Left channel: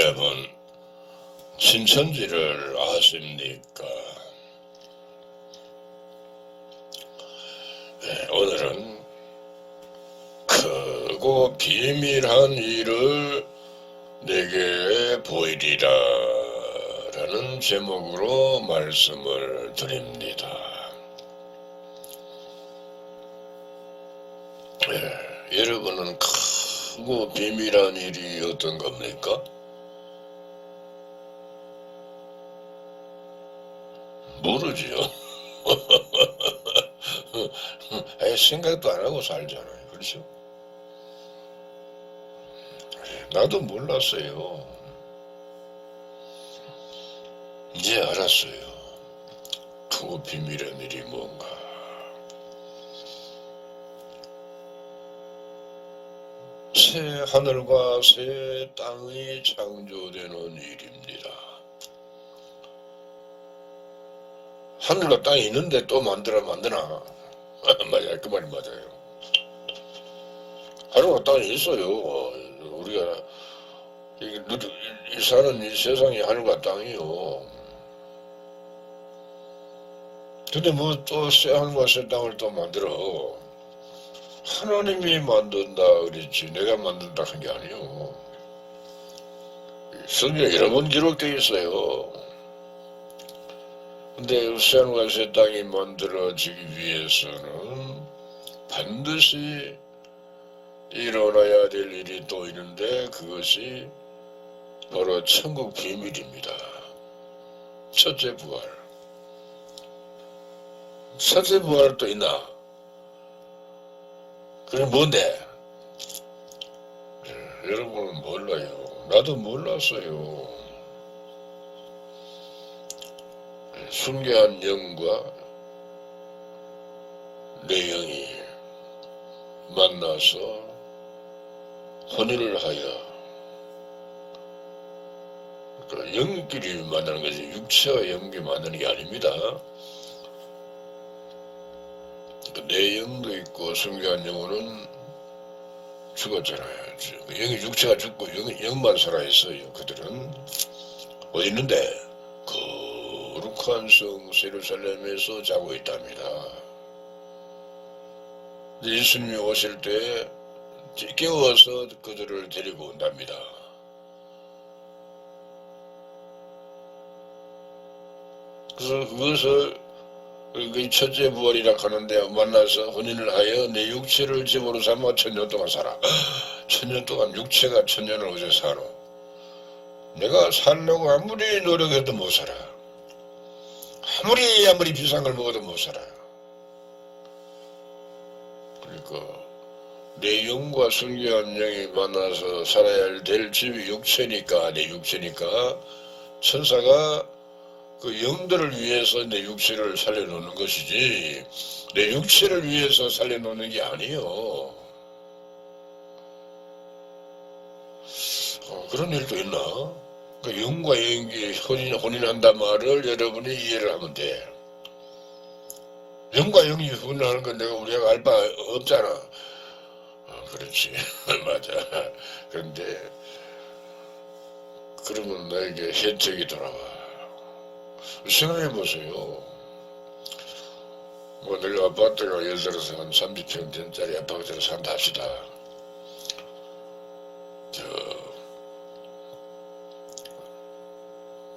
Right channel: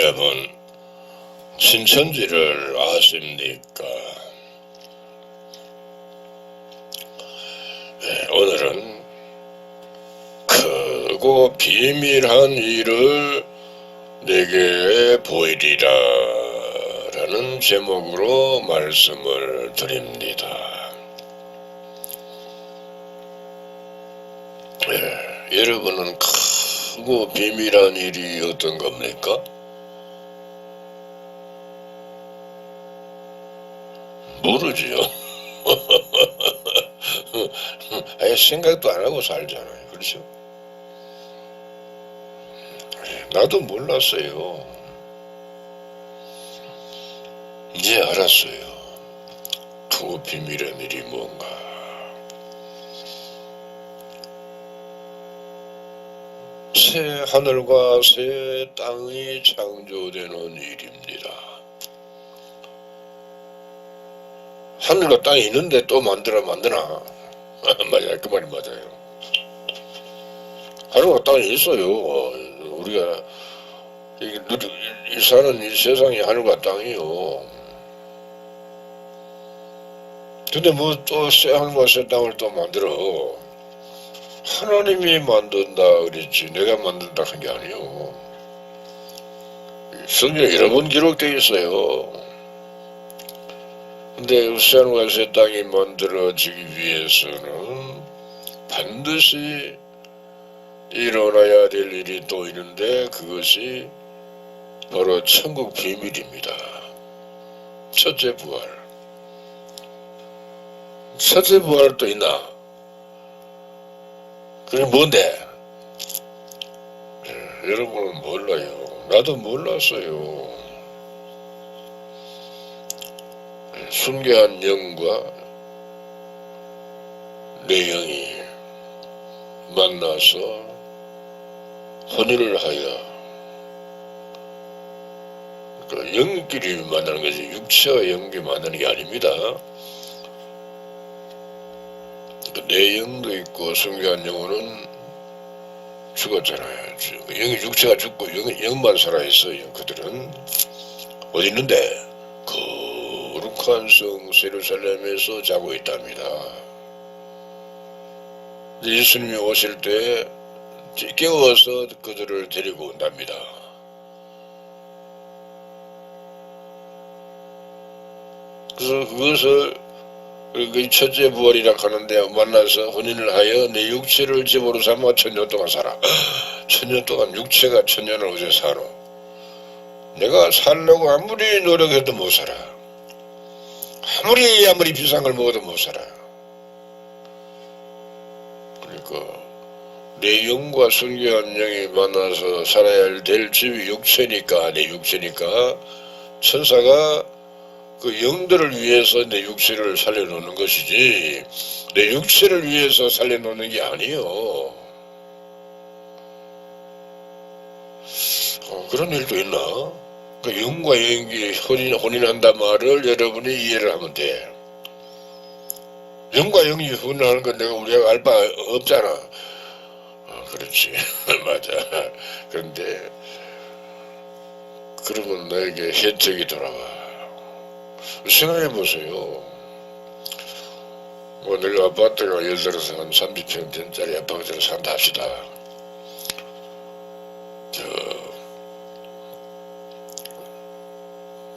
여러분, 신천지를 아십니까? 오늘은 크고 비밀한 일을 내게 보이리라 라는 제목으로 말씀을 드립니다. 여러분은 크고 비밀한 일이 어떤 겁니까? 모르지요. 생각도 안 하고 살잖아요. 그렇죠? 나도 몰랐어요. 이제 알았어요. 그 비밀한 일이 뭔가. 새 하늘과 새 땅이 창조되는 일입니다. 하늘과 땅이 있는데 또 만드나? 맞아요. 그 말이 맞아요. 하늘과 땅이 있어요. 우리가 이 사는 이 세상이 하늘과 땅이요. 근데 뭐 또 새 하늘과 새 땅을 또 만들어. 하나님이 만든다 그랬지 내가 만든다 한 게 아니요. 성경에 여러 번 기록되어 있어요. 근데 새 하늘과 새 땅이 만들어지기 위해서는 반드시 일어나야 될 일이 또 있는데 그것이 바로 천국 비밀입니다. 첫째 부활. 첫째 부활 또 있나? 그게 뭔데? 여러분은 몰라요. 나도 몰랐어요. 순교한 영과 내 영이 만나서 혼인을 하여 그 영끼리 만나는 거지 육체와 영이 만나는 게 아닙니다. 내 영도 있고 순교한 영혼은 죽었잖아요. 영이 육체가 죽고 영만 살아있어요. 그들은 어디 있는데? 거룩한 성 예루살렘에서 자고 있답니다. 예수님이 오실 때 깨워서 그들을 데리고 온답니다. 그래서 그것을 첫째 부활이라 하는데 만나서 혼인을 하여 내 육체를 집으로 삼아 1000년 동안 살아. 1000년 동안 육체가 1000년을 어디서 살아. 내가 살려고 아무리 노력해도 못 살아. 아무리 비싼 걸 먹어도 못 살아. 그러니까 내 영과 순교한 영이 만나서 살아야 될 집이 육체니까 내 육체니까 천사가 그 영들을 위해서 내 육체를 살려놓는 것이지 내 육체를 위해서 살려놓는 게 아니요. 그런 일도 있나? 그 영과 영이 혼인한다 말을 여러분이 이해를 하면 돼. 영과 영이 혼인하는 건 우리가 알 바 없잖아. 그렇지. 맞아. 그런데 그러면 너에게 혜택이 돌아와. 생각해보세요. 뭐 내가 아파트가 예를 들어서 한 30평짜리 아파트를 산다 합시다.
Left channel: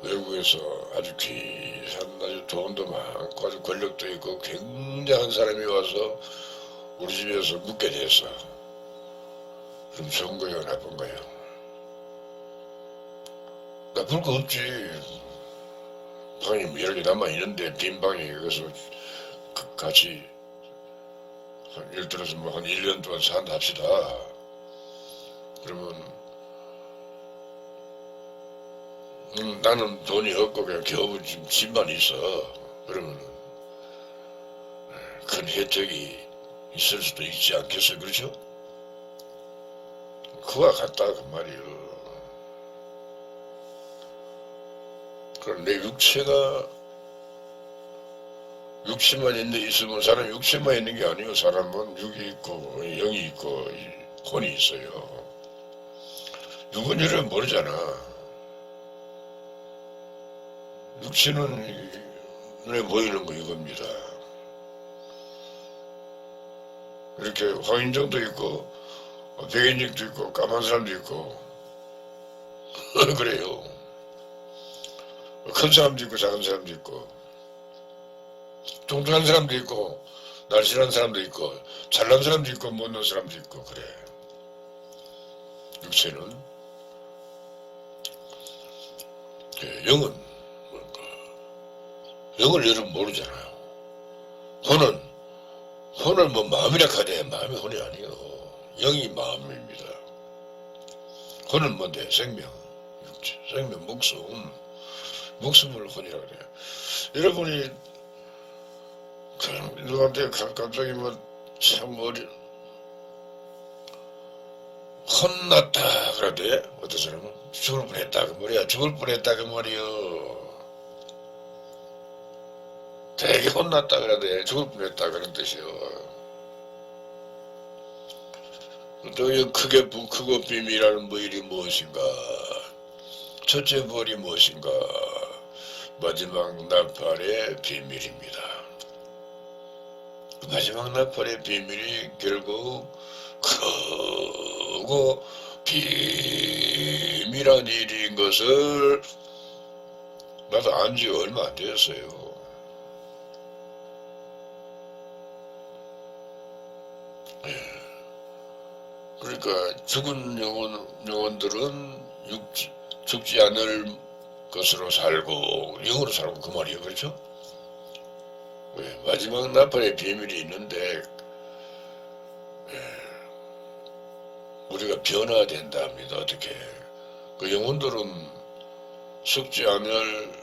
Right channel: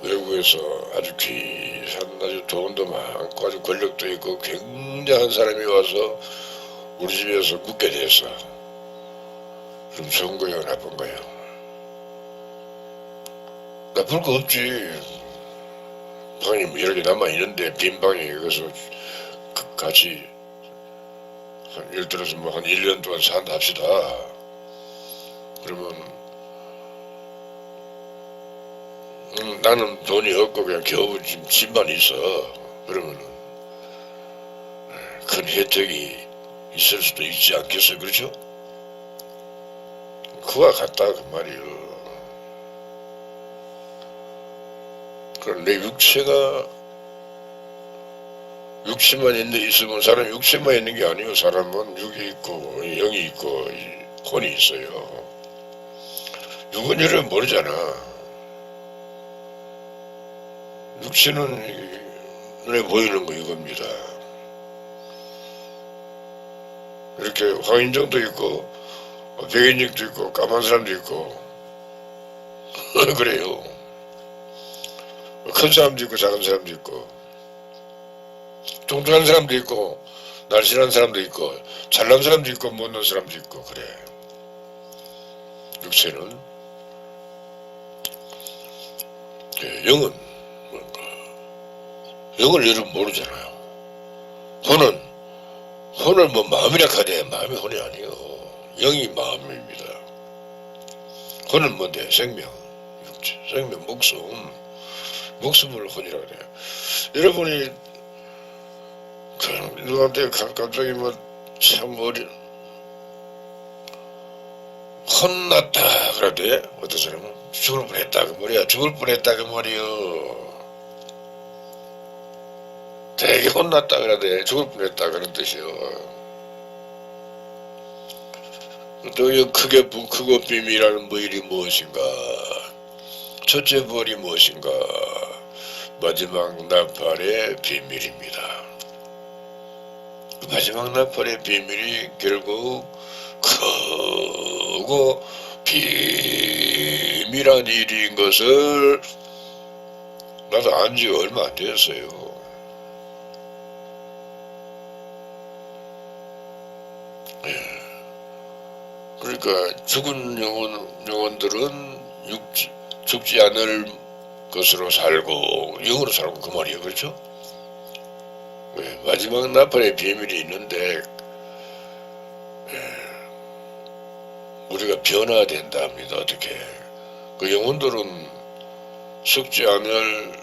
외국에서 아주 귀한 아주 돈도 많고 아주 권력도 있고 굉장한 사람이 와서 우리 집에서 묵게 됐어. 그럼 좋은 거예요? 나쁜 거예요? 나쁠 거 없지. 방이 여러 개 남아있는데 빈 방에 여기서 같이 예를 들어서 뭐 한 1년 동안 산다 합시다. 그러면 나는 돈이 없고 그냥 겨우 집만 있어. 그러면 큰 혜택이 있을 수도 있지 않겠어. 그렇죠? 그와 같다 그 말이요. 그럼 내 육체가 육체만 있으면 사람 육체만 있는 게 아니고 사람은 육이 있고 영이 있고 혼이 있어요. 육은 여러분 모르잖아. 육체는 눈에 보이는 거 이겁니다. 이렇게 황인종도 있고 백인종도 있고 까만 사람도 있고 그래요. 큰 사람도 있고 작은 사람도 있고 뚱뚱한 사람도 있고 날씬한 사람도 있고 잘난 사람도 있고 못난 사람도 있고 그래. 육체는 영은 뭔가 영을 여러분 모르잖아요. 혼은 뭐 마음이라 하대. 마음이 혼이 아니요. 영이 마음입니다. 혼은 뭔데? 생명, 육체, 생명, 목숨을 혼이라 그래요. 여러분이 누구한테 갑자기 뭐 참 혼났다 그러대. 어떤 사람은 죽을 뻔했다 그 말이야. 죽을 뻔했다 그 말이요. 되게 혼났다 그러대. 죽을 뻔했다 그런 뜻이요. 또 크게 크고 비밀이라는 일이 무엇인가? 첫째 벌이 무엇인가? 마지막 나팔의 비밀입니다. 그 마지막 나팔의 비밀이 결국 크고 비밀한 일인 것을 나도 안 지 얼마 안 되었어요. 그러니까 죽은 영혼들은 죽지 않을 것으로 살고 영으로 살고 그 말이에요. 그렇죠? 마지막 나팔의 비밀이 있는데 우리가 변화된다 합니다. 어떻게? 그 영혼들은 죽지 않을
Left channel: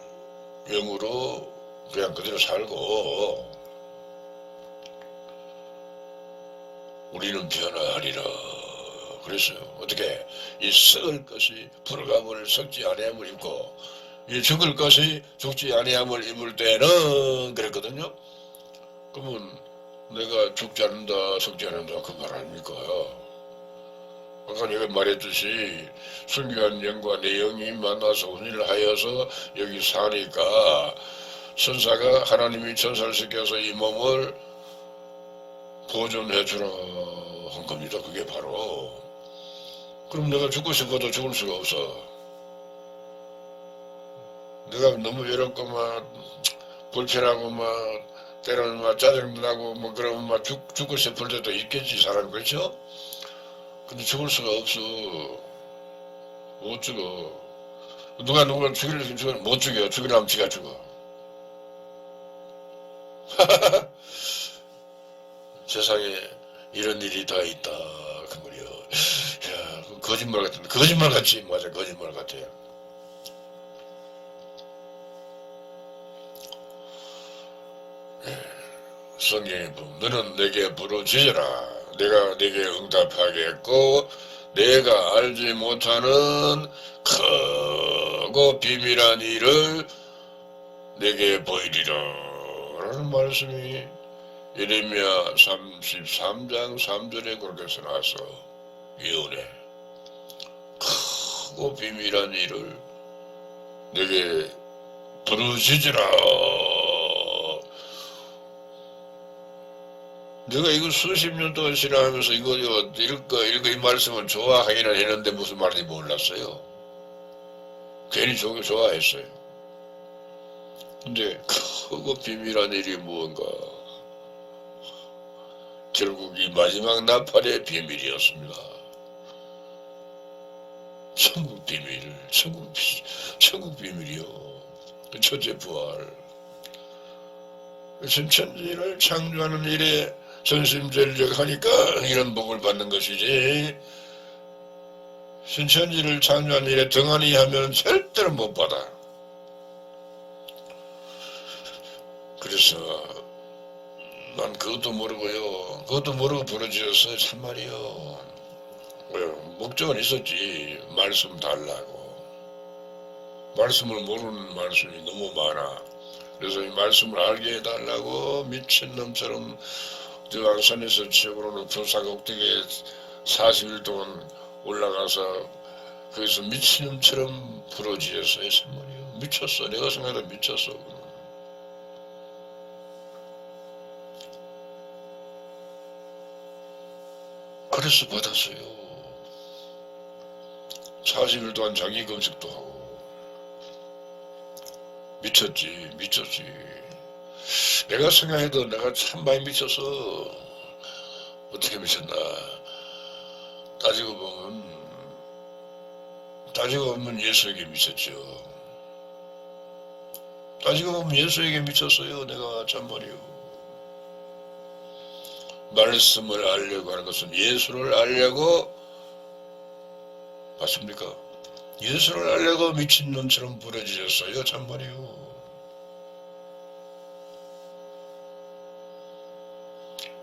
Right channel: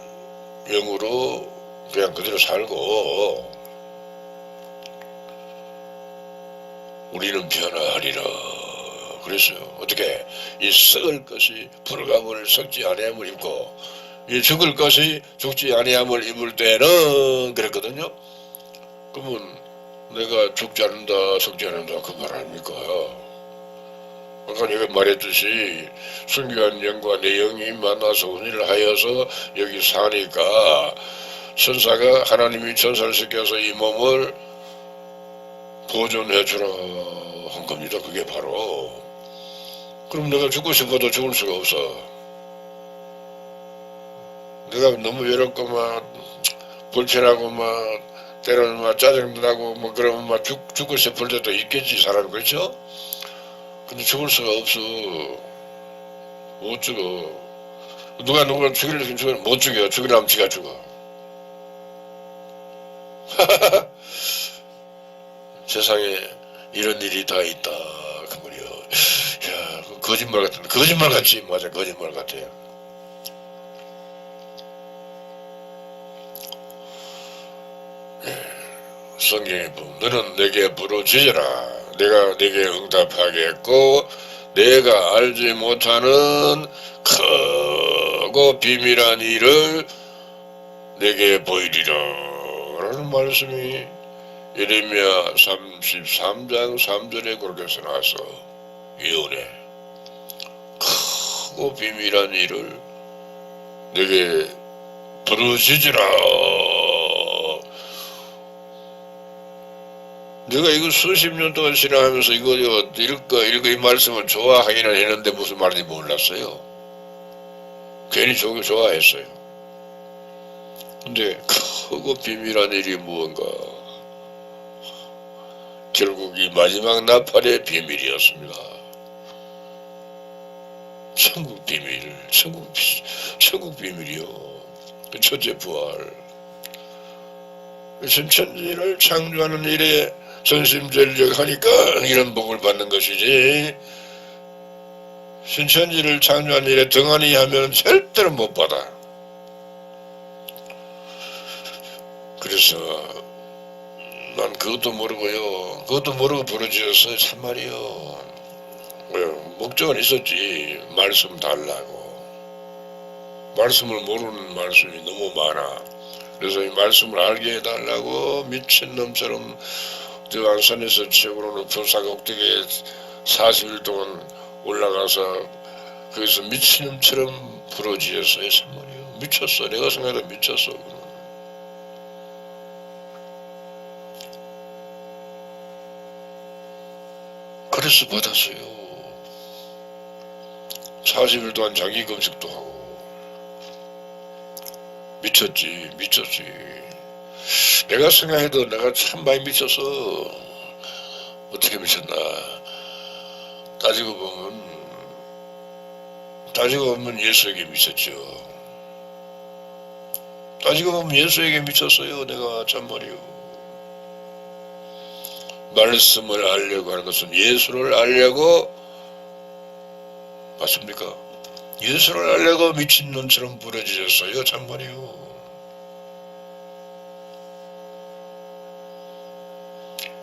영으로 그냥 그대로 살고 우리는 변화하리라. 그랬어요. 어떻게? 이 썩을 것이 불감을 썩지 아니함을 입고 이 죽을 것이 죽지 아니함을 입을 때는 그랬거든요. 그러면 내가 죽지 않는다 썩지 않는다 그 말 아닙니까? 아까 내가 말했듯이 순교한 영과 내 영이 만나서 혼인을 하여서 여기 사니까 천사가 하나님이 천사를 시켜서 이 몸을 보존해 주라 한 겁니다. 그게 바로. 그럼 내가 죽고 싶어도 죽을 수가 없어. 내가 너무 외롭고 막 불편하고 막 때로는 막 짜증나고 뭐 그러면 막 죽고 싶을 때도 있겠지 사람. 그렇죠? 근데 죽을 수가 없어. 못 죽어. 누가 누굴 죽이려면 죽으면 못 죽여. 죽이려면 지가 죽어. 세상에 이런 일이 다 있다 그 말이야. 야, 거짓말 같은데 거짓말 같지. 맞아, 거짓말 같아. 성경에 보면 너는 내게 부르짖으라. 내가 내게 응답하겠고 내가 알지 못하는 크고 비밀한 일을 내게 보이리라 라는 말씀이 예레미야 33장 3절에 그렇게 써놨어. 예언해. 크고 비밀한 일을 내게 부르짖으라. 내가 이거 수십 년 동안 신앙하면서 이거 읽고 이 말씀을 좋아하기는 했는데 무슨 말인지 몰랐어요. 괜히 좋아했어요. 근데 크고 비밀한 일이 무언가? 결국 이 마지막 나팔의 비밀이었습니다. 천국 비밀, 천국 비밀이요. 첫째 부활. 신천지를 창조하는 일에 전심전력하니까 이런 복을 받는 것이지 신천지를 창조하는 일에 등한히 하면 절대로 못 받아. 그래서 난 그것도 모르고요. 그것도 모르고 부르짖었어요. 참말이요. 목적은 있었지. 말씀 달라고. 말씀을 모르는 말씀이 너무 많아. 그래서 이 말씀을 알게 해달라고 미친놈처럼 저 안산에서 최고로 높은 사각옥대기에 40일 동안 올라가서 거기서 미친놈처럼 부르짖었어요. 참말이요. 미쳤어. 내가 생각해도 미쳤어. 그래서 받았어요. 40일 동안 자기 검색도 하고. 미쳤지. 내가 생각해도 내가 참 많이 미쳤어. 어떻게 미쳤나. 따지고 보면 예수에게 미쳤죠. 따지고 보면 예수에게 미쳤어요. 내가 참말이요. 말씀을 알려고 하는 것은 예수를 알려고, 맞습니까? 예수를 알려고 미친놈처럼 부러지셨어요. 참말이요.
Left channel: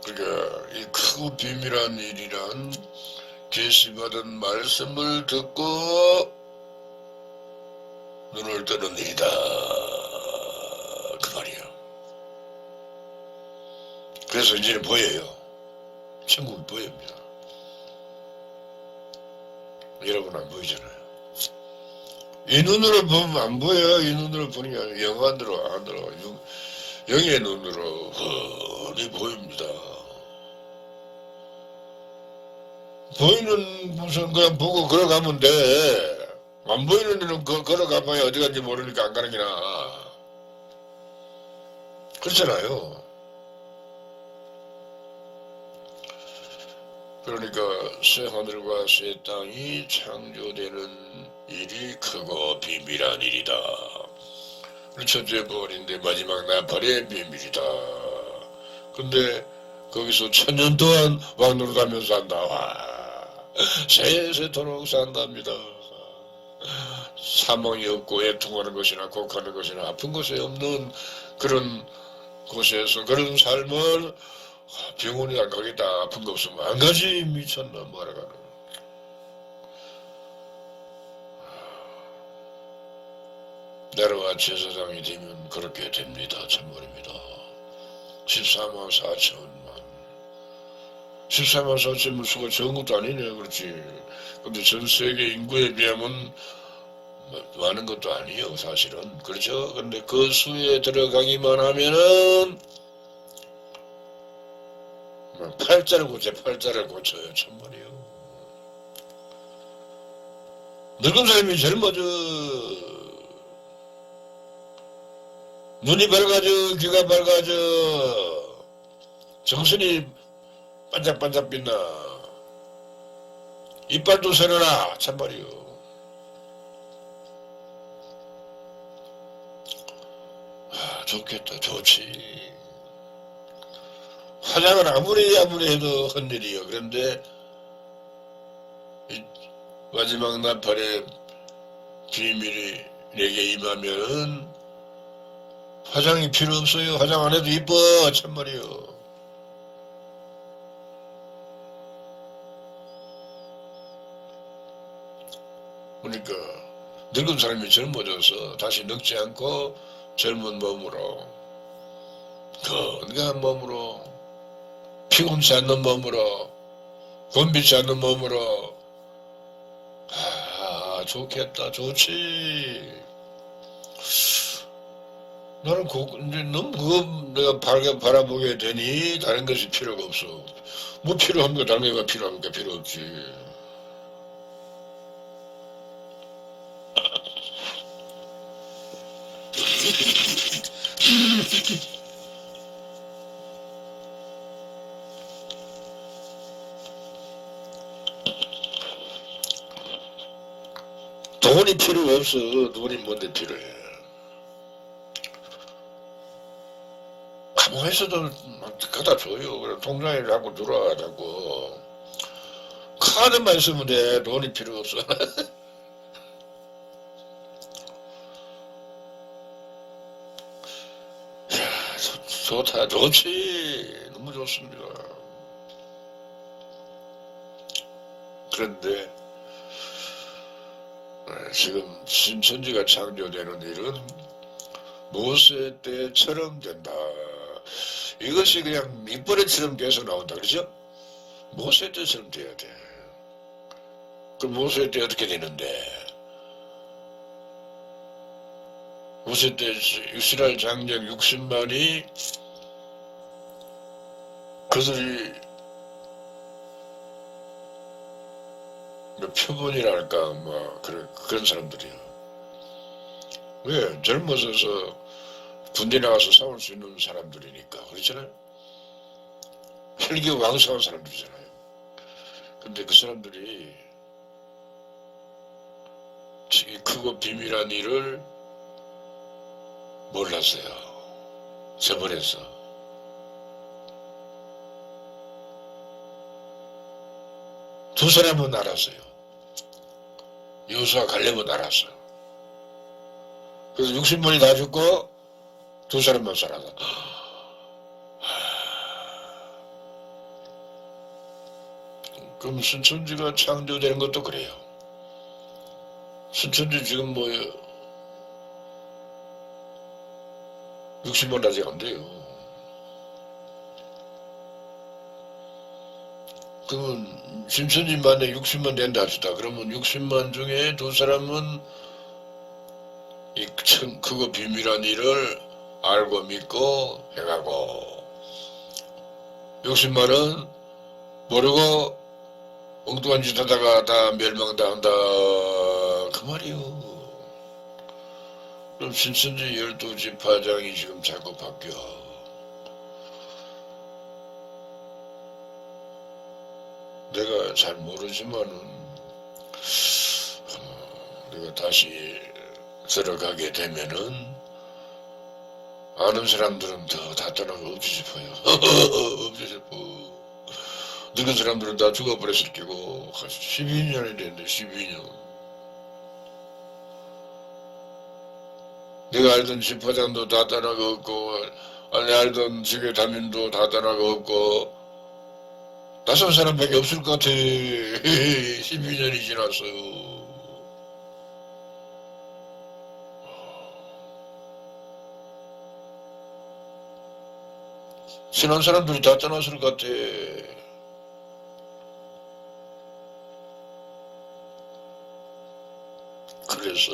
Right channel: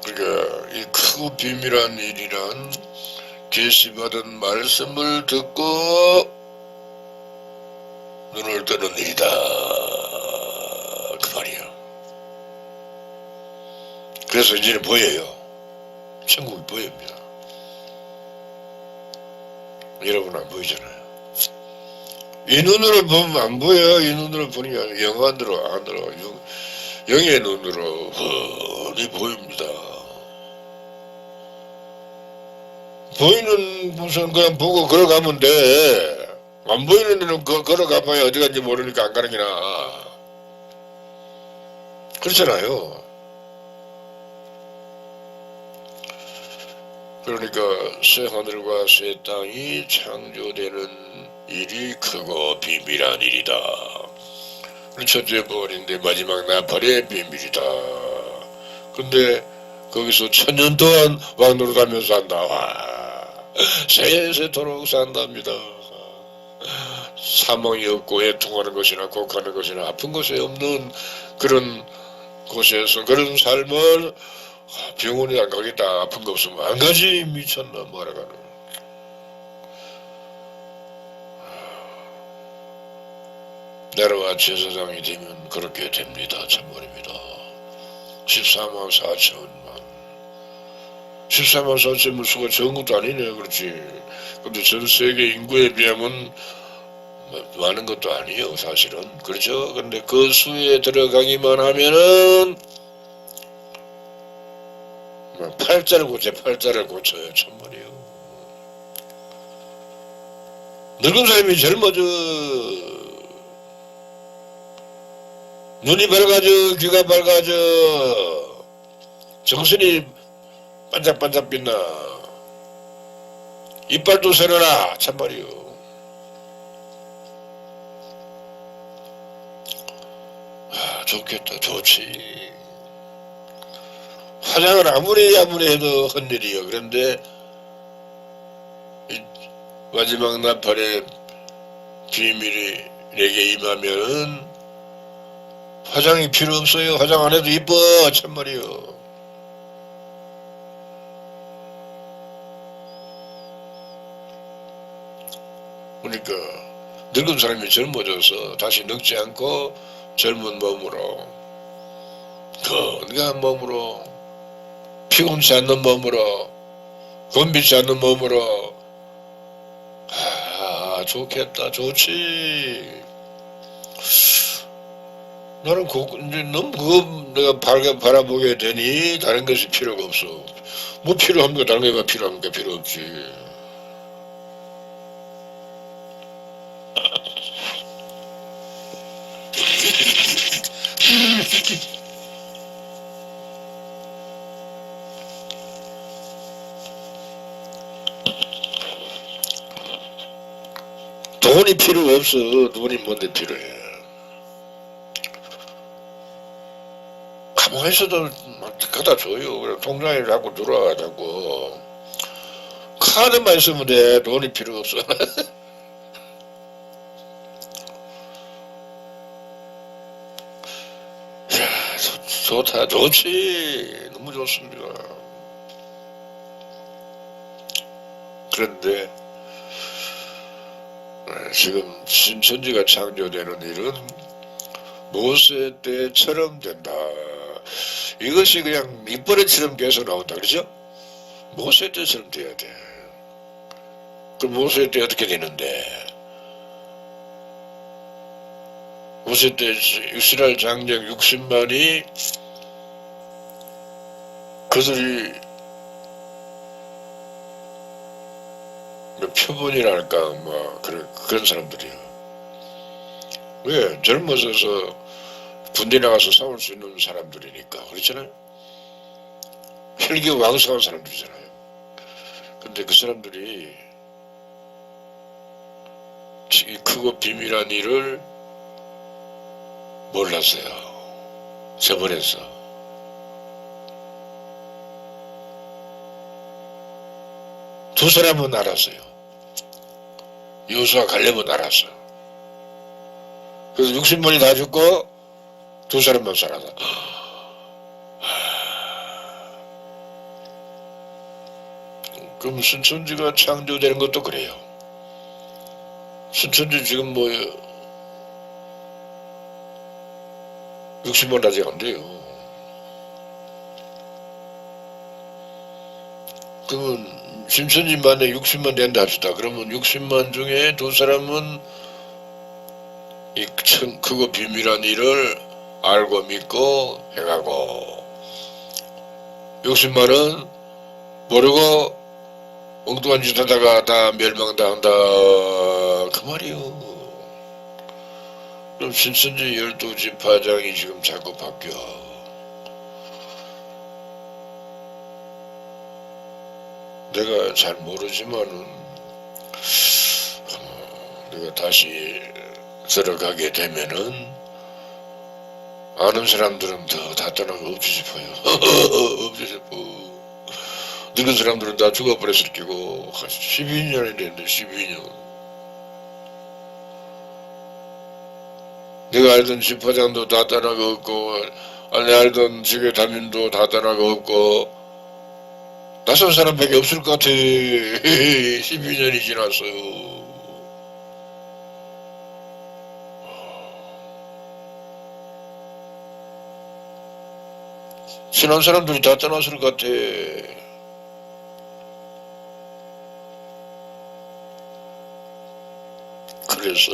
그러니까 이 크고 비밀한 일이란 계시받은 말씀을 듣고 눈을 뜨는 일이다. 그 말이에요. 그래서 이제 보여요. 천국이 보입니다. 여러분 안 보이잖아요. 이 눈으로 보면 안 보여요. 이 눈으로 보는 게 아니라 영안으로 안 들어. 영의 눈으로 훤히 보입니다. 보이는 무슨 그냥 보고 걸어가면 돼. 안 보이는 데는 걸어가봐야 어디 간지 모르니까 안 가는 게 나아. 그렇잖아요. 그러니까 새 하늘과 새 땅이 창조되는 일이 크고 비밀한 일이다. 첫째 부활인데 마지막 나팔의 비밀이다. 근데 거기서 1000년 동안 왕노릇하면서 산다. 세세토록 산답니다. 사망이 없고 애통하는 것이나 곡하는 것이나 아픈 것이 없는 그런 곳에서 그런 삶을 병원에 안 가겠다. 아픈 거 없으면 안 가지. 미쳤나 뭐라가는. 내려와 제사장이 되면 그렇게 됩니다. 참말입니다. 14만 4천만 14만 4천만 수가 적은 것도 아니네. 그렇지. 근데 전 세계 인구에 비하면 많은 것도 아니에요. 사실은. 그렇죠. 근데 그 수에 들어가기만 하면은 팔자를 고쳐요. 참말이에요. 늙은 사람이 젊어져. 눈이 밝아져. 귀가 밝아져. 정신이 반짝반짝 빛나. 이빨도 새려라. 참말이요. 좋겠다. 좋지. 화장을 아무리 해도 헛일이요. 그런데 마지막 나팔의 비밀이 내게 임하면은 화장이 필요 없어요. 화장 안 해도 이뻐. 참말이요. 그러니까 늙은 사람이 젊어져서 다시 늙지 않고 젊은 몸으로, 건강한 몸으로, 피곤치 않는 몸으로, 건비치 않는 몸으로. 좋겠다. 좋지. 나는 이제 너무 그거 내가 바라보게 되니 다른 것이 필요가 없어. 뭐 필요합니까? 다른 거가 필요합니까? 필요 없지. 돈이 필요 없어. 돈이 뭔데 필요해. 가만히 있어도 갖다 줘요. 그래, 통장에 자꾸 들어와가지고. 카드만 있으면 돼. 돈이 필요 없어. 좋다. 좋지. 너무 좋습니다. 그런데 지금 신천지가 창조되는 일은 모세 때처럼 된다. 이것이 그냥 밑버릇처럼 계속 나온다. 그렇죠? 모세 때처럼 돼야 돼. 그럼 모세 때 어떻게 되는데? 5세 때 이스라엘 장정 60만이 그들이 표본이랄까 뭐 그런 사람들이에요. 왜? 젊어져서 군대 나가서 싸울 수 있는 사람들이니까. 그렇잖아요. 혈기 왕성한 사람들이잖아요. 근데 그 사람들이 이 크고 비밀한 일을 몰랐어요. 저버렸어. 두 사람은 알았어요. 여호수아 갈렙은 알았어. 그래서 60만이 다 죽고 두 사람만 살아서. 그럼 순천지가 창조되는 것도 그래요. 순천지 지금 뭐 60만 아직 안 돼요. 그러면 순천지만에 60만 된다 합시다. 그러면 60만 중에 두 사람은 이 크고 비밀한 일을 알고 믿고 해가고 60만은 모르고 엉뚱한 짓 하다가 다 멸망당한다 그 말이요. 그럼 신천지 12지파장이 지금 자꾸 바뀌어. 내가 잘 모르지만은 내가 다시 들어가게 되면은 아는 사람들은 다 떠나고 없지 싶어요. 없지 싶어. 늙은 사람들은 다 죽어버렸을 끼고 12년이 됐는데 12년. 내가 알던 집화장도 다 떠나고 없고 아니 알던 지교 담임도 다 떠나고 없고 낯선 사람밖에 없을 것 같아. 12년이 지났어요. 친한 사람들이 다 떠났을 것 같아. 그래서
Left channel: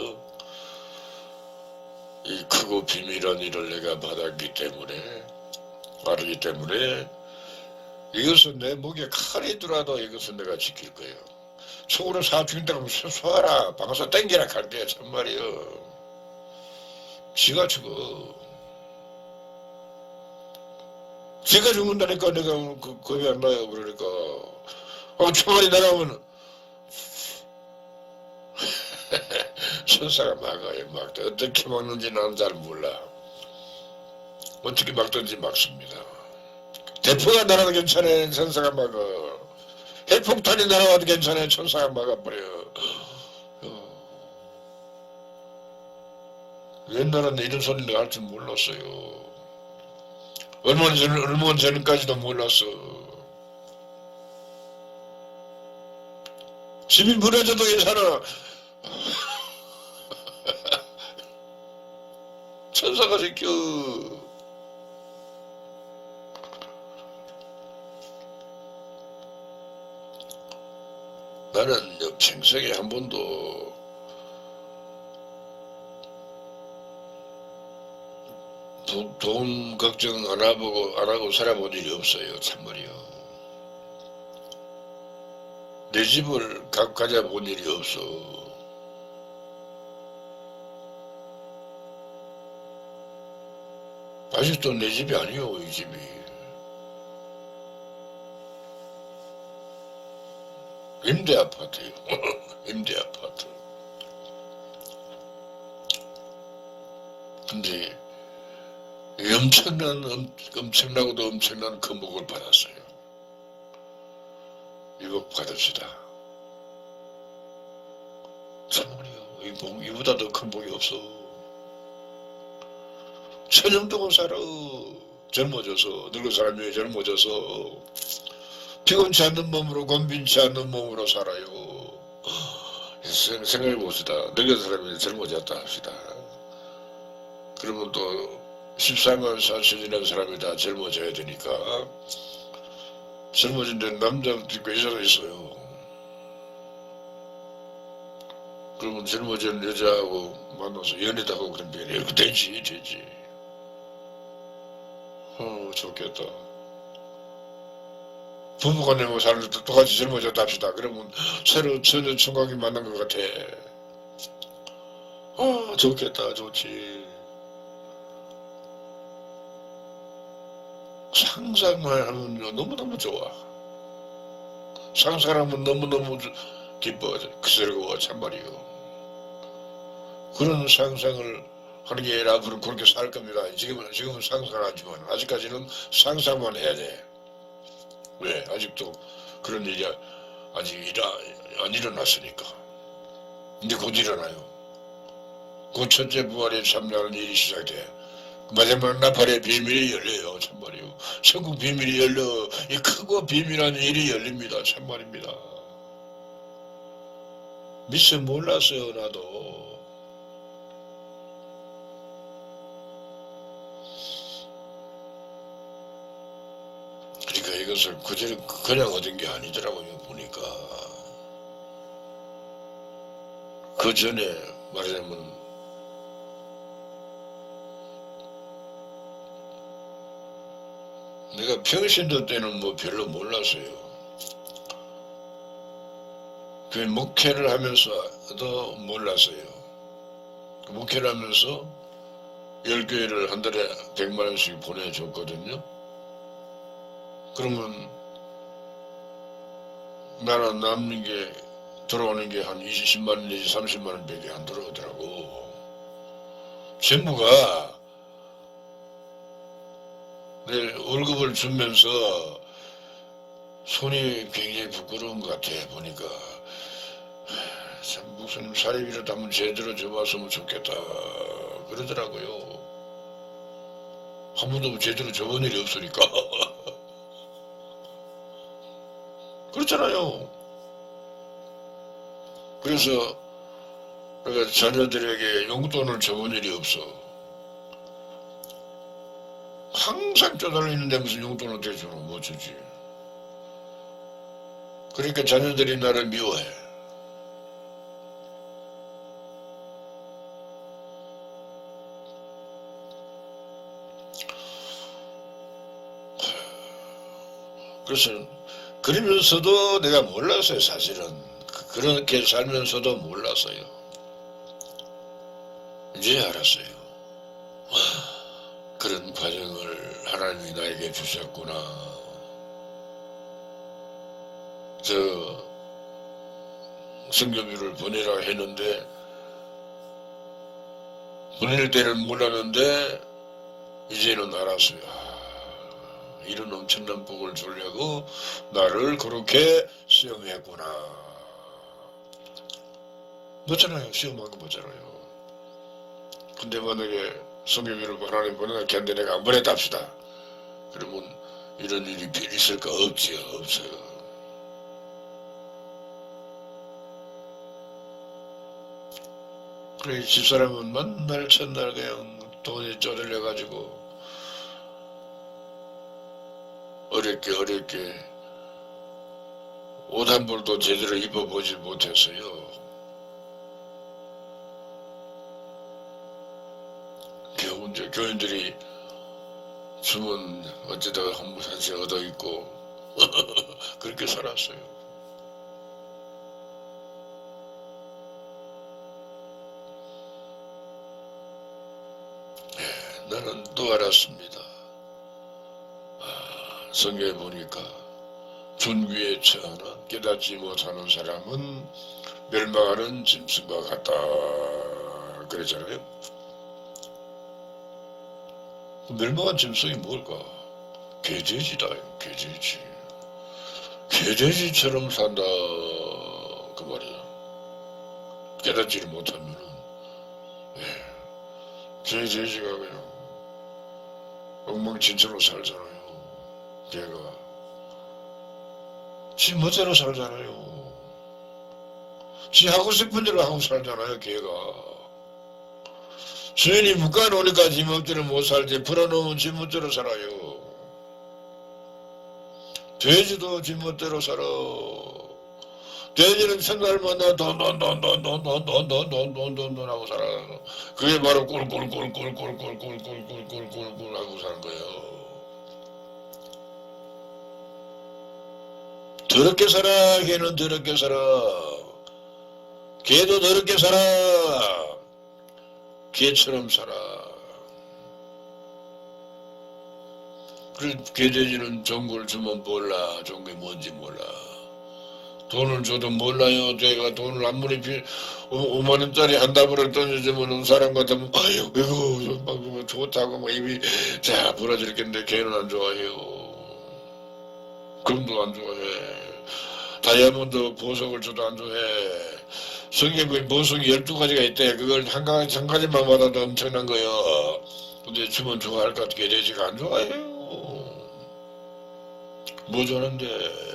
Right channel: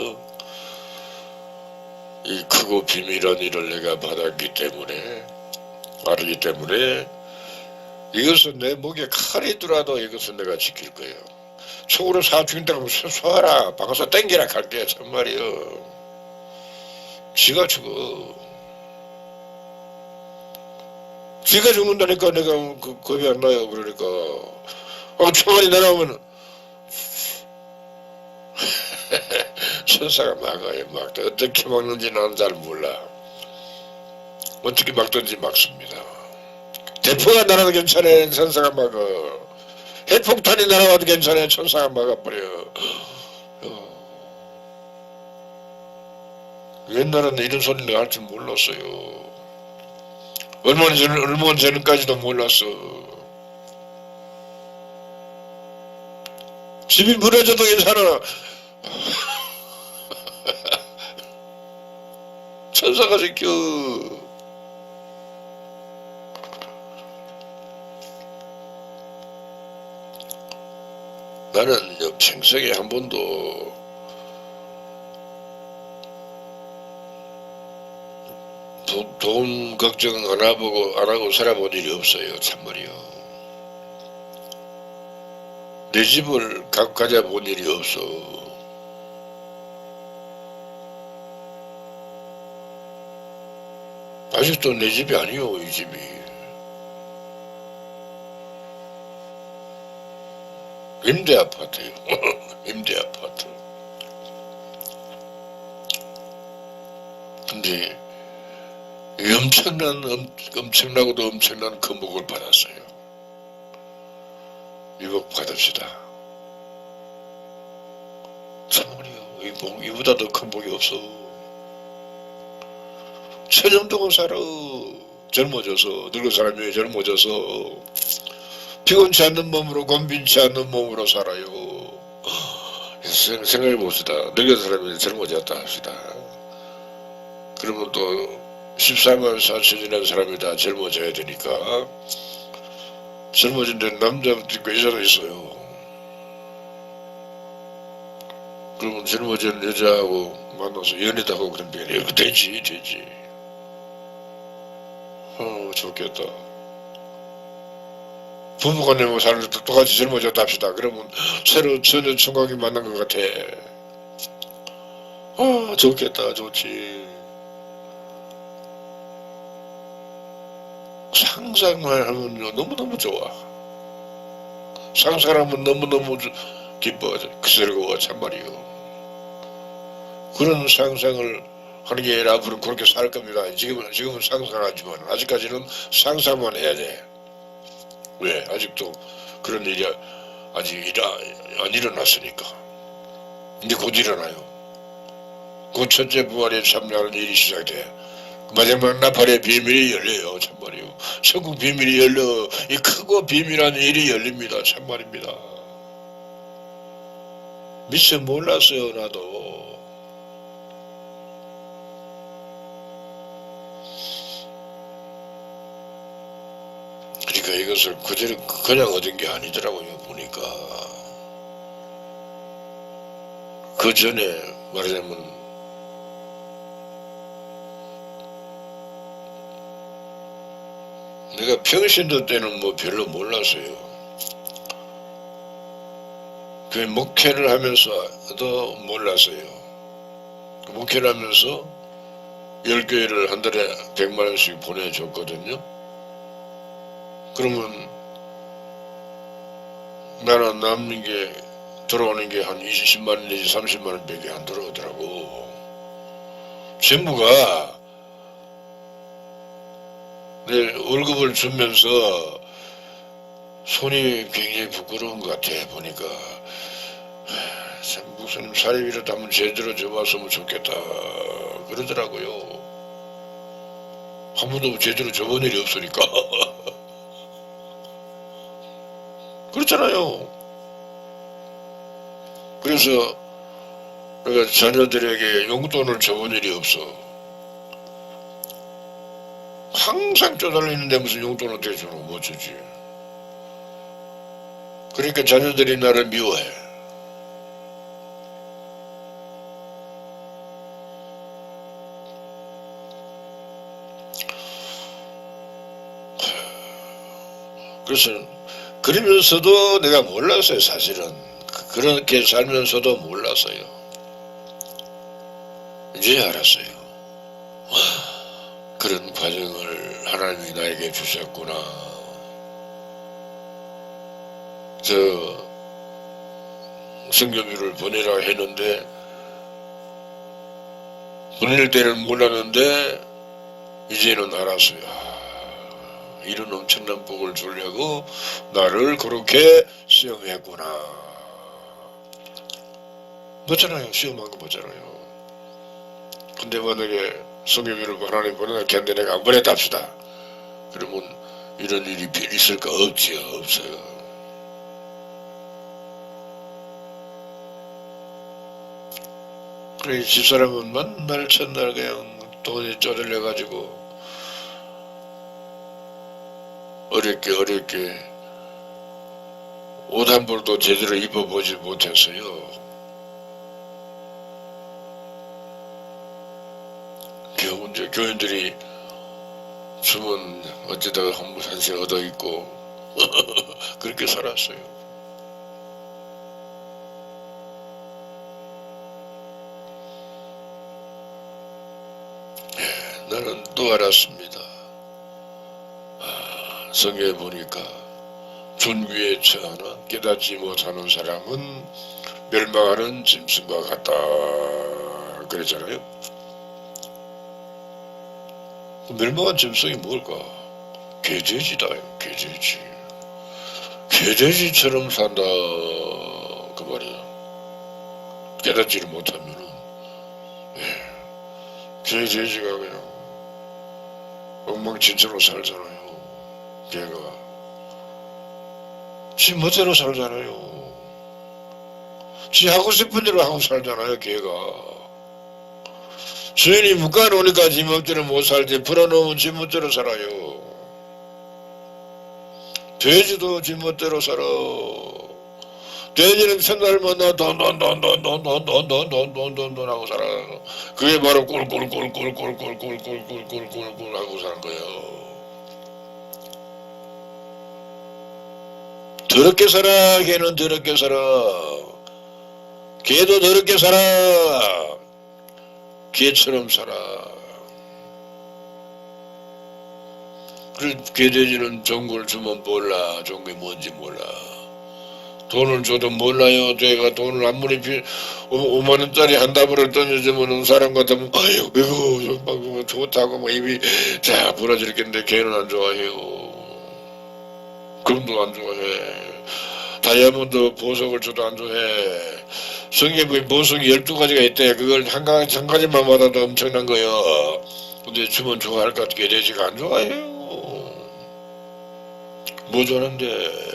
이 크고 비밀한 일을 내가 받았기 때문에 알기 때문에 이것은 내 목에 칼이더라도 이것은 내가 지킬 거예요. 속으로 사 죽인다고 하면 쏘아라 박아서 땡기라 갈게 참말이요. 지가 죽어. 지가 죽는다니까 내가 겁이 안 나요. 그러니까 총알이 날아오면 천사가 막아요. 어떻게 막는지 난 잘 몰라. 어떻게 막든지 막습니다. 대포가 날아도 괜찮아요. 천사가 막아. 핵폭탄이 날아와도 괜찮아요. 천사가 막아버려. 옛날에는 이런 소리를 할 줄 몰랐어요. 얼마나 전까지도 몰랐어. 집이 무너져도 괜찮아. 천사가 지켜. 나는 평생에 한 번도 돈 걱정 안 하고 살아본 일이 없어요. 참말이요. 내 집을 가져본 일이 없어. 아직도 내 집이 아니요. 이 집이. 임대 아파트요. 임대 아파트. 근데 엄청나고도 엄청난 큰 복을 받았어요. 이 복 받읍시다. 참말이요. 이보다 더 큰 복이 없어. 천년 동안 살아. 젊어져서 늙은 사람이 젊어져서 피곤치 않는 몸으로 곤빈치 않는 몸으로 살아요. 생각해 봅시다. 늙은 사람이 젊어졌다 합시다. 그러면 또 14만 4천이라는 사람이 다 젊어져야 되니까 젊어진 데는 남자도 있고 여자도 있어요. 그러면 젊어진 여자하고 만나서 연애도 하고 그런데 되지. 좋겠다. 부부간에 뭐 사는 것도 똑같이 젊어졌다 합시다. 그러면 새로 전혀 총각이 만난 것 같아. 좋겠다. 좋지. 상상만 하면요 너무너무 좋아. 상상하면 너무너무 기뻐하죠. 그 소리가 참말이요. 그런 상상을 하는 게 아니라 앞으로 그렇게 살 겁니다. 지금은 상상하지만 아직까지는 상상만 해야 돼. 왜? 아직도 그런 일이 아직 안 일어났으니까. 근데 곧 일어나요. 그 첫째 부활에 참여하는 일이 시작돼. 마지막 나팔의 비밀이 열려요. 참말이요. 천국 비밀이 열려. 이 크고 비밀한 일이 열립니다. 참말입니다. 미처 몰랐어요. 나도. 그러니까 이것을 그냥 얻은 게 아니더라고요. 보니까 그 전에 말하자면 내가 평신도 때는 뭐 별로 몰랐어요. 그 목회를 하면서도 몰랐어요. 목회를 하면서 10교회를 한 달에 100만 원씩 보내줬거든요. 그러면 나는 남는 게 들어오는 게 한 20만 원 내지 30만 원밖에 안 들어오더라고. 전부가 내 월급을 주면서 손이 굉장히 부끄러운 것 같아. 보니까 참 무슨 사례비라도 한번 제대로 줘봤으면 좋겠다 그러더라고요. 한 번도 제대로 줘본 일이 없으니까. 그렇잖아요. 그래서 내가 자녀들에게 용돈을 줘본 일이 없어. 항상 쪼달리는데 무슨 용돈을 어떻게 주노? 못 주지. 그러니까 자녀들이 나를 미워해. 그래서 그러면서도 내가 몰랐어요. 사실은 그렇게 살면서도 몰랐어요. 이제 알았어요. 그런 과정을 하나님이 나에게 주셨구나. 저 성교비를 보내라 했는데 보낼 때는 몰랐는데 이제는 알았어요. 이런 엄청난 복을 주려고 나를 그렇게 시험했구나. 맞잖아요. 시험한 거 맞잖아요. 근데 만약에 성교비를 하나님 보내라 걔한테 내가 안 보냈다 합시다. 그러면 이런 일이 있을까? 없지요. 없어요. 그래 집사람은 맨날 첫날 그냥 돈이 쪼들려가지고 어렵게 옷 한 벌도 제대로 입어보지 못했어요. 겨우 이제 교인들이 주면 어쩌다가 한세 얻어 입고 그렇게 살았어요. 나는 또 알았습니다. 성경에 보니까 존귀에 처하나 깨닫지 못하는 사람은 멸망하는 짐승과 같다 그랬잖아요. 멸망한 짐승이 뭘까? 개돼지다요. 개돼지. 개돼지처럼 산다 그 말이야. 깨닫지를 못하면은 개돼지가 그냥 엉망진창으로 살잖아요. 걔가 지 멋대로 살잖아요. 지 하고 싶은 대로 하고 살잖아요. 걔가 주인이 묶어놓으니까 지 멋대로 못 살지 풀어놓으면 지 멋대로 살아요. 돼지도 지 멋대로 살아. 돼지는 첫날마다 돈돈돈돈돈돈돈돈돈돈돈 하고 살아가는 그게 바로 꿀꿀꿀꿀꿀꿀꿀꿀꿀꿀꿀꿀꿀 하고 사는 거예요. 더럽게 살아. 걔는 더럽게 살아. 걔도 더럽게 살아. 걔처럼 살아. 그래 개돼지는 좋은 걸 주면 몰라. 좋은 게 뭔지 몰라. 돈을 줘도 몰라요. 내가 돈을 아무리 5만원짜리 한 다발을 던져주면 사람 같으면 아유 이거 좋다고 뭐 입이 자 부러지겠는데 걔는 안 좋아해요. 금도 안 좋아해. 다이아몬드 보석을 줘도 안 좋아해. 성경에 보석이 12가지가 있대. 그걸 한 가지만 받아도 엄청난 거예요. 근데 주면 좋아할 것 같게 돼지가 안 좋아해요. 뭐 좋아하는데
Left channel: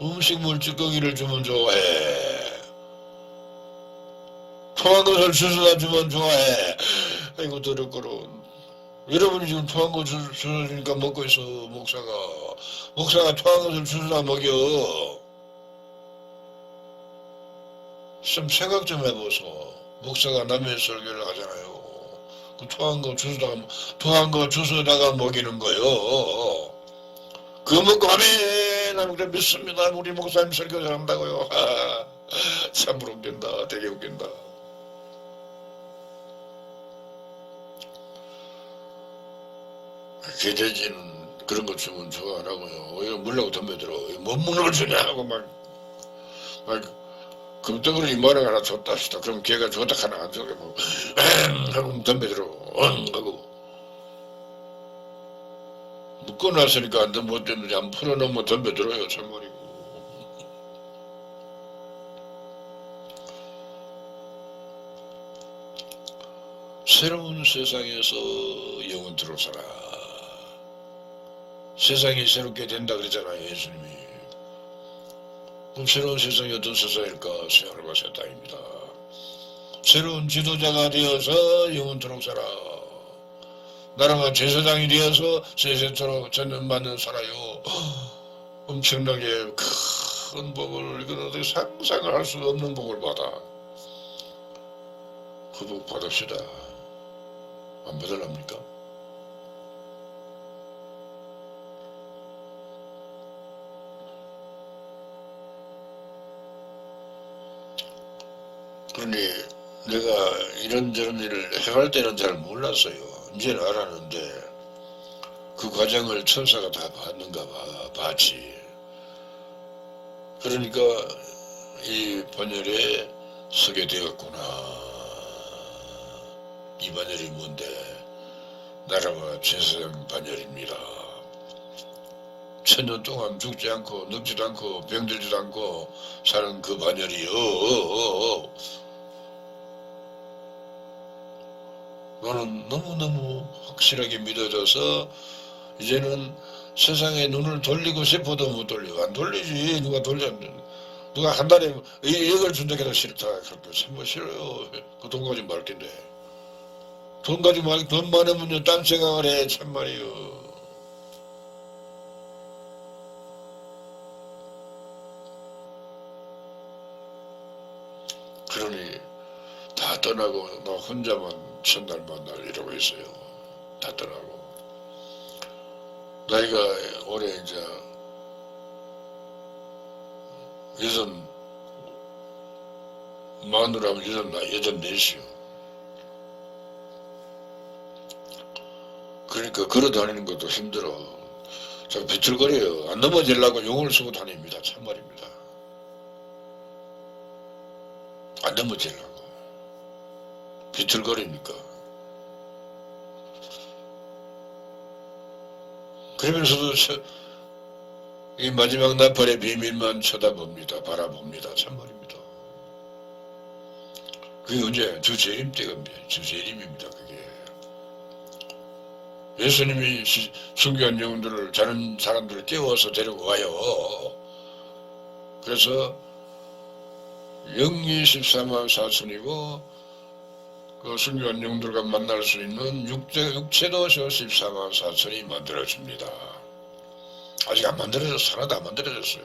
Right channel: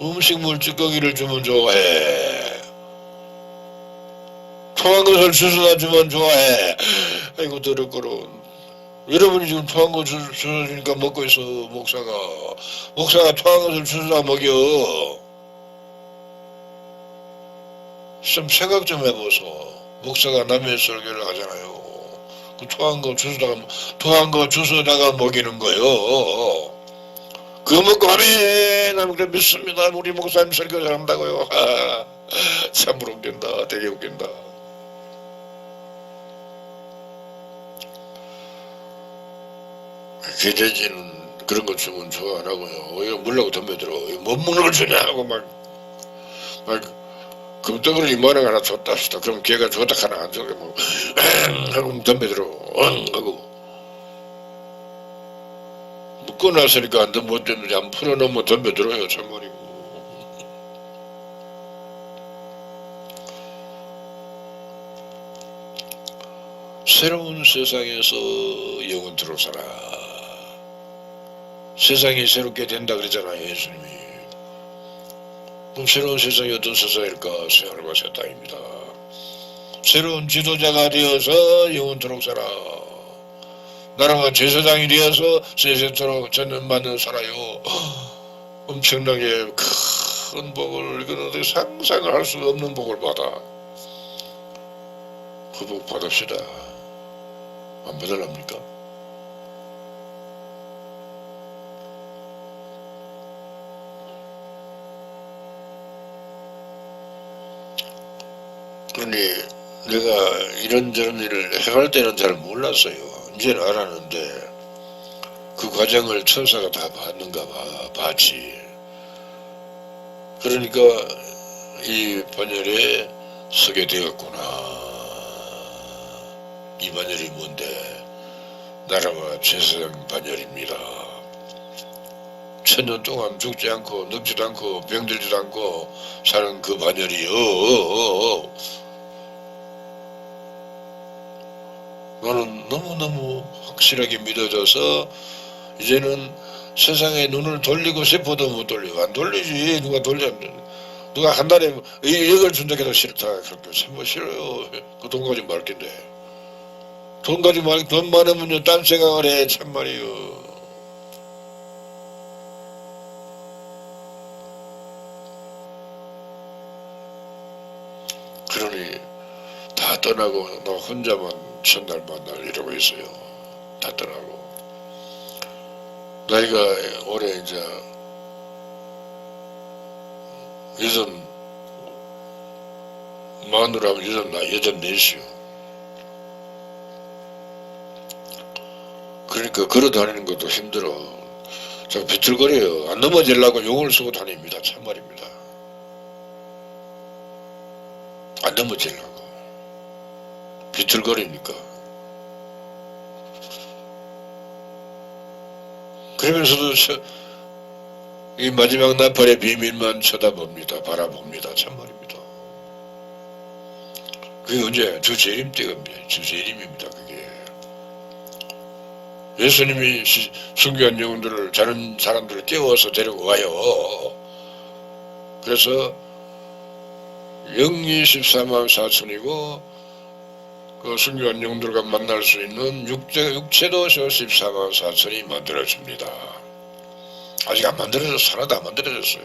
음식물 찌꺼기를 주면 좋아해. 토한 것을 주워다 주면 좋아해. 아이고 더럽고로. 여러분이 지금 토한 거 주워주니까 먹고 있어. 목사가 토한 것을 주워다 먹여. 좀 생각 좀 해보소. 목사가 남의 설교를 하잖아요. 그 토한 거 주워다가 먹이는 거요. 그거 먹고 하네. 나는 그래 믿습니다. 우리 목사님 설교 잘한다고요. 참으로 웃긴다. 되게 웃긴다. 개돼지는 그런 거 주면 좋아 안 하고요. 이거 물라고 덤벼들어. 못 먹는 걸 주냐 하고 막 금덩어리 이만한 하나 줬다 싶다. 그럼 걔가 줬다 하나 안 줘게 뭐 하고 덤벼들어. 하고 묶어놨으니까 안 못 됐는지 안 풀어놓으면 덤벼들어요. 참말이고. 새로운 세상에서 영원토록 살아. 세상이 새롭게 된다 그랬잖아요. 예수님이. 그럼 새로운 세상이 어떤 세상일까? 새하늘과 새 땅입니다. 새로운 지도자가 되어서 영원토록 살아. 나라가 제사장이 되어서 세세토록 전념받는 살아요. 엄청나게 큰 복을 이건 어떻게 상상을 할 수 없는 복을 받아. 그 복 받읍시다. 안 받으랍니까? 근데 내가 이런저런 일을 해갈 때는 잘 몰랐어요. 이제는 알았는데 그 과정을 천사가 다 봤는가 봐. 봤지. 그러니까 이 반열에 서게 되었구나. 이 반열이 뭔데? 나라와 제사장 반열입니다. 1000년 동안 죽지 않고 늙지도 않고 병들지도 않고 사는 그 반열이요. 나는 너무너무 확실하게 믿어져서 이제는 세상에 눈을 돌리고 싶어도 못 돌려. 안 돌리지. 누가 한 달에 1억을 준다고 해도 싫다. 그렇게 참뭐 싫어요. 그 돈 가지고 말 텐데. 돈 많으면 딴 생각을 해. 참말이요. 그러니 다 떠나고 나 혼자만 첫날 만날 이러고 있어요. 다 떠나고. 나이가 올해 이제 만으로 하면 84이요. 그러니까 걸어 다니는 것도 힘들어. 참 비틀거려요. 안 넘어지려고 용을 쓰고 다닙니다. 참말입니다. 안 넘어지려고. 비틀거리니까. 그러면서도 이 마지막 나팔의 비밀만 쳐다봅니다. 바라봅니다. 참말입니다. 그게 언제? 주재림 때입니다. 주재림입니다. 그게. 예수님이 순교한 영혼들을 다른 사람들을 깨워서 데리고 와요. 그래서 영이 14만 4천이고 그 순교한 영들과 만날 수 있는 육체도 14만 4천이 만들어집니다. 아직 안 만들어졌어. 하나도 안 만들어졌어요.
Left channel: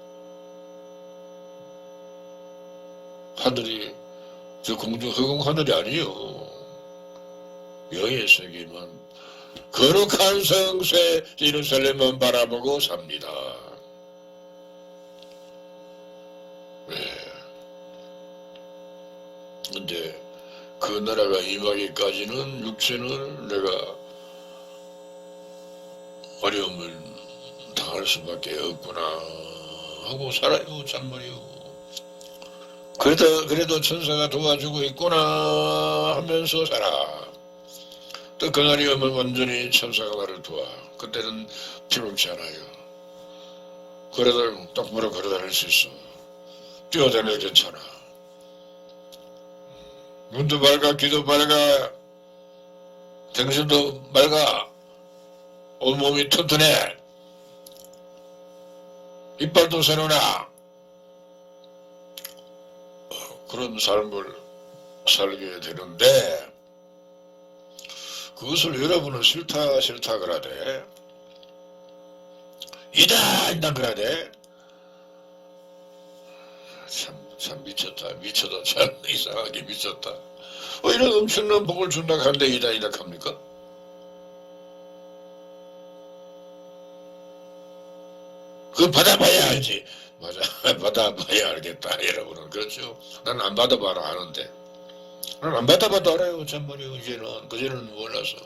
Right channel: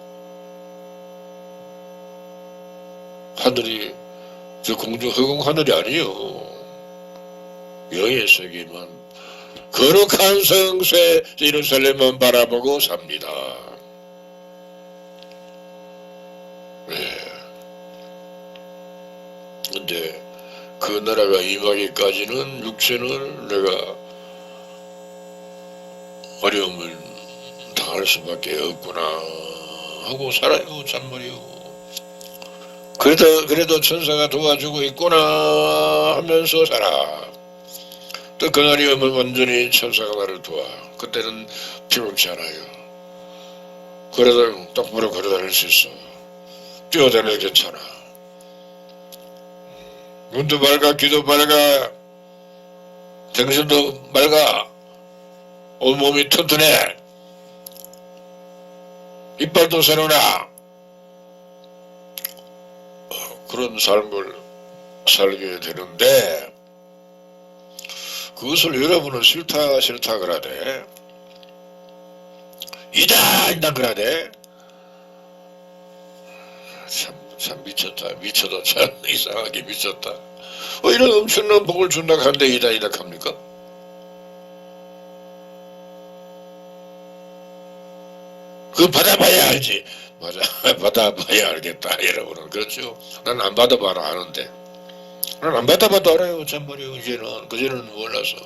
하늘이 저 공중 허공 하늘이 아니요. 영의 세계만 거룩한 성세 예루살렘만 바라보고 삽니다. 네. 근데 그 나라가 임하기까지는 육체는 내가 어려움을 당할 수밖에 없구나 하고 살아요. 참말이요. 그래도 천사가 도와주고 있구나 하면서 살아. 또 그날이 오면 완전히 천사가 나를 도와. 그때는 피곤치 않아요. 그래도 똑바로 걸어다닐 수 있어. 뛰어다녀도 괜찮아. 눈도 맑아, 귀도 맑아, 정신도 맑아, 온몸이 튼튼해, 이빨도 새로나. 그런 삶을 살게 되는데 그것을 여러분은 싫다 그러대. 이다 그러대. 참 미쳤다. 참 이상하게 미쳤다. 이런 엄청난 복을 준다 하는데 이다 합니까? 그거 받아봐야 알지. 맞아. 받아봐야 알겠다. 여러분은. 그렇죠. 난 안 받아봐라 아는데. 난 안 받아봐도 알아요. 참말이요. 이제는. 그전에는 몰라서.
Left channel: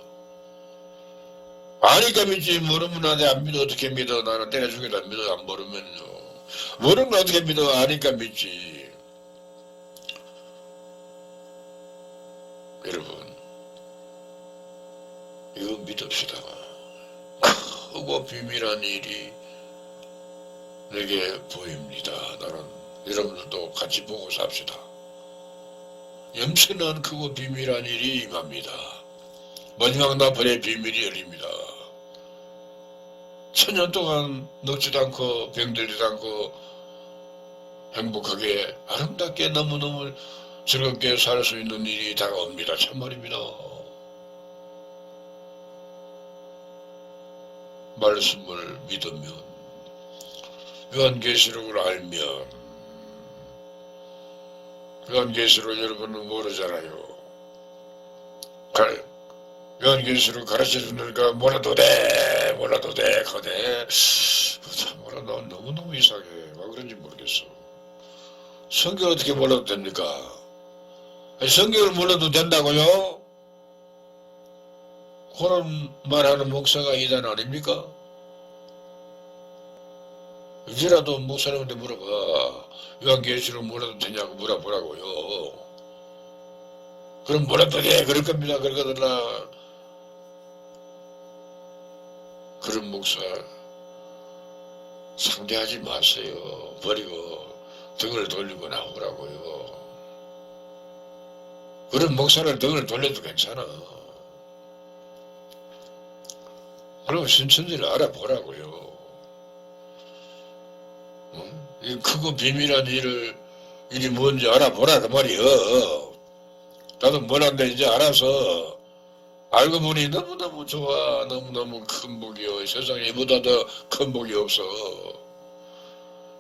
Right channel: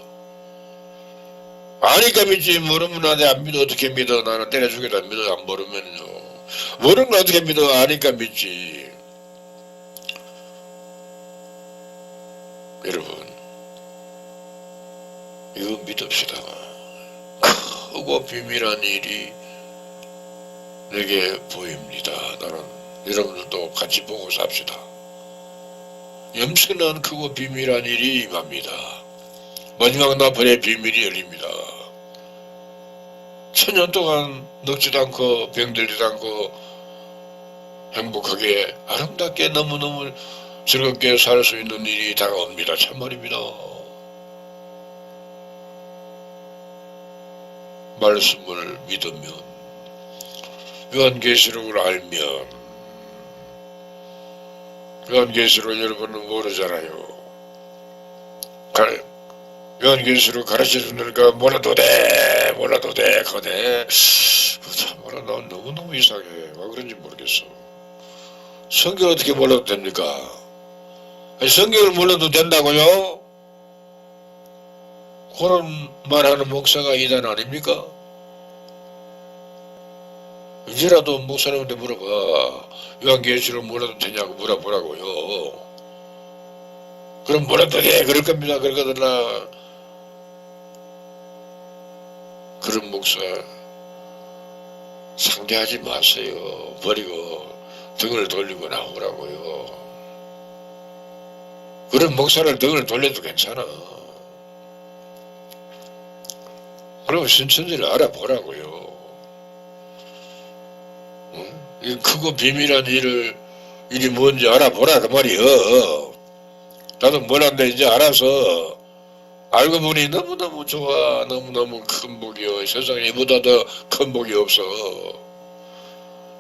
아니까 믿지. 모르면 나한테 안 믿어. 어떻게 믿어. 나는 때려 죽여도 안 믿어. 안 모르면요. 모르는 걸 어떻게 믿어. 아니까 믿지. 여러분, 이거 믿읍시다. 크고 비밀한 일이 내게 보입니다. 나는 여러분들도 같이 보고 삽시다. 염치는 크고 비밀한 일이 임합니다. 마지막 나팔의 비밀이 열립니다. 1000년 동안 늙지도 않고 병들지도 않고 행복하게 아름답게 너무너무 즐겁게 살 수 있는 일이 다가옵니다. 참말입니다. 말씀을 믿으면, 요한계시록을 알면, 요한계시록 여러분은 모르잖아요. 요한계시록 가르쳐주니까 몰라도 돼 거네. 참말로 난 너무너무 이상해. 왜 그런지 모르겠어. 성경 어떻게 몰라도 됩니까? 성경을 몰라도 된다고요? 그런 말하는 목사가 이단 아닙니까? 이제라도 목사님한테 물어봐. 요한계시록 몰라도 되냐고 물어보라고요. 그럼 몰라도 돼 그럴 겁니다. 그러거든요. 그런 목사 상대하지 마세요. 버리고 등을 돌리고 나오라고요. 그런 목사를 등을 돌려도 괜찮아. 그럼 신천지를 알아보라고요. 응? 이 크고 비밀한 일이 뭔지 알아보라 그 말이요. 나도 몰랐는데 이제 알아서 알고 보니 너무너무 좋아. 너무너무 큰 복이요. 세상에 이보다 더 큰 복이 없어.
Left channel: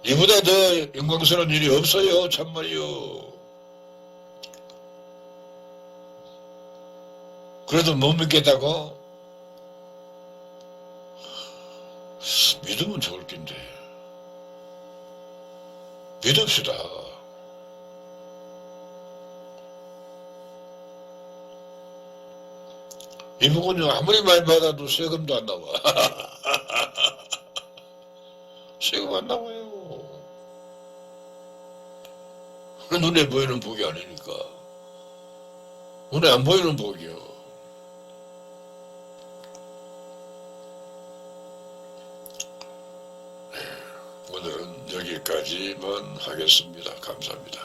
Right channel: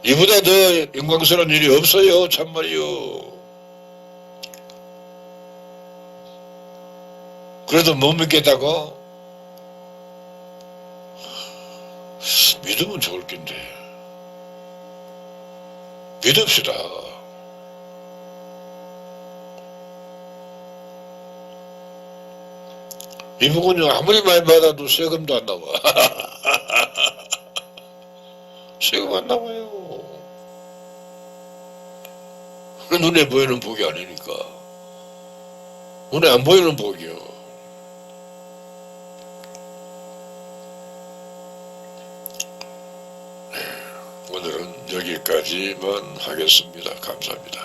이보다 더 영광스러운 일이 없어요. 참말이요. 그래도 못 믿겠다고? 믿으면 좋을 텐데. 믿읍시다. 이 부분은 아무리 많이 받아도 세금도 안 나와. 세금 안 나와요. 눈에 보이는 복이 아니니까. 눈에 안 보이는 복이요. 오늘은 여기까지만 하겠습니다. 감사합니다.